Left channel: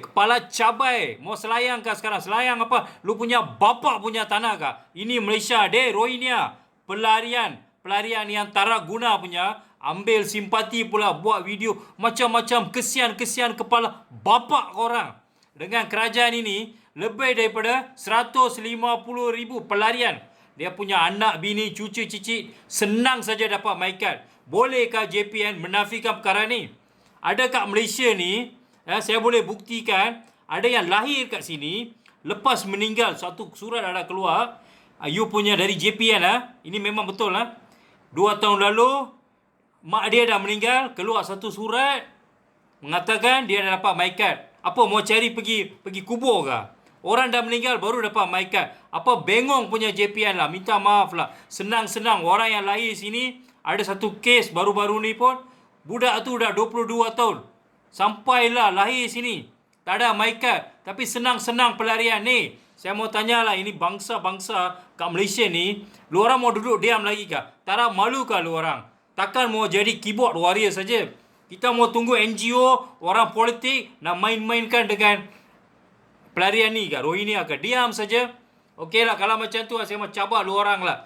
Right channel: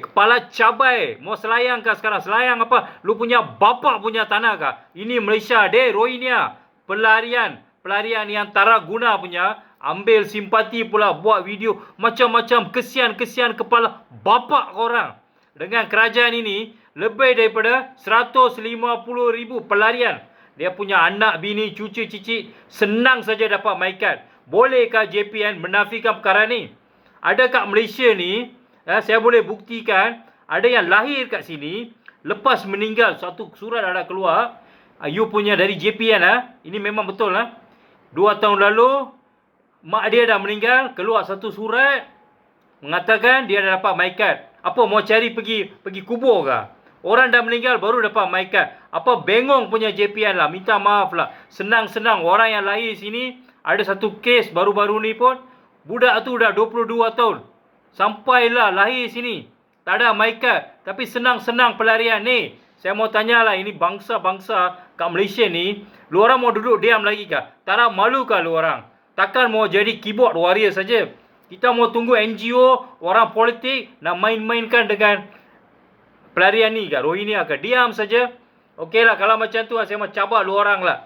Kepala cabai, mau selayang kah sekarang? Selayang apa? Lu punya bapa punya tanah kah? Ini Malaysia, Rohingya. Pelarian yang tarak guna punya. Ambil simpati pula, buat video macam-macam, kesian kepala bapa korang. Dengan kerajaan ini, lebih daripada 150,000 pelarian. Dia punya anak, bini, cucu, cicit, senang saja dapat MyKad. Bolehkah JPN menafikan perkara ni? Ada kat Malaysia ni, saya boleh buktikan, ada yang lahir kat sini, lepas meninggal, satu surat ada keluar, you punya dari JPN, ini memang betul. 2 tahun lalu, mak dia dah meninggal, keluar satu surat, mengatakan dia dah dapat MyKad. Apa, mau cari pergi kubur ke? Orang dah meninggal baru dapat MyKad. Apa, bengong punya JPN lah, minta maaf lah. Senang-senang, orang yang lahir sini, ada satu kes baru-baru ni pun, budak tu dah 22 tahun. Sampailah lahir sini, tak ada MyKad, tapi senang-senang pelarian ni. Saya mau tanyalah, ini bangsa-bangsa kat Malaysia ni, lu orang mau duduk diam lagi kah? Tak ada malu kah lu orang? Takkan mau jadi keyboard warrior saja? Kita mau tunggu NGO, orang politik nak main-mainkan dengan pelarian ni kah? Rohingya kah? Diam saja. Okeylah, kalau macam tu saya mau cabar lu orang lah.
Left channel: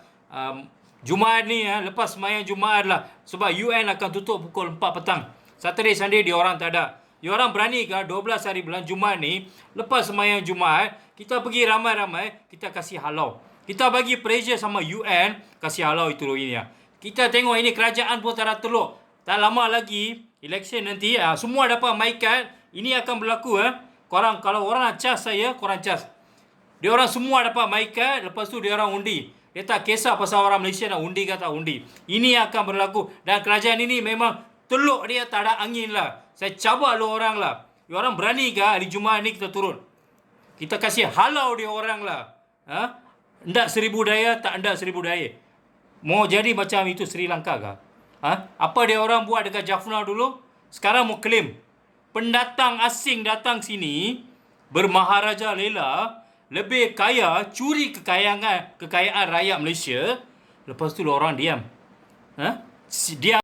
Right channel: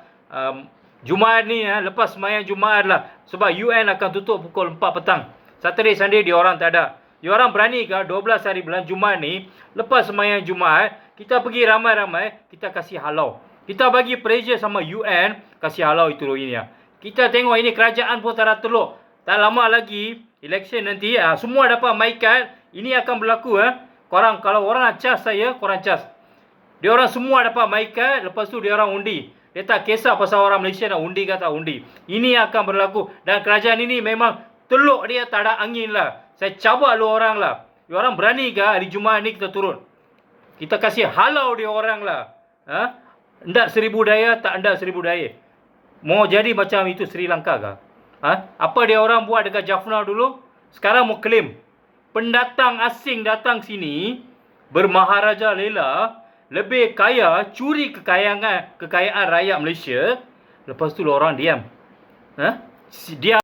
Jumaat ni, lepas semayang Jumaat lah. Sebab UN akan tutup pukul 4 petang. Saturday, Sunday dia orang tak ada. Dia orang berani ke 12 hari bulan Jumaat ni, lepas semayang Jumaat, kita pergi ramai-ramai, kita kasih halau. Kita bagi pressure sama UN, kasih halau itu Rohingya. Kita tengok ini kerajaan pun tak ada teluk. Tak lama lagi, election nanti, semua dapat MyKad. Ini akan berlaku. Korang, kalau orang nak cas saya, korang cas. Dia orang semua dapat MyKad, lepas tu dia orang undi. Dia tak kisah pasal orang Malaysia nak undi ke tak undi. Ini akan berlaku. Dan kerajaan ini memang teluk dia tak ada angin lah. Saya cabar lu orang lah. Dia orang berani ke hari Jumaat ni kita turun? Kita kasih halau dia orang lah. Ndak seribu daya, tak ndak seribu daya. Mau jadi macam itu Sri Lanka ke? Apa dia orang buat dekat Jaffna dulu? Sekarang mau claim. Pendatang asing datang sini, bermaharaja lela, lebih kaya, curi kekayaan rakyat Malaysia. Lepas tu orang diam. Diam.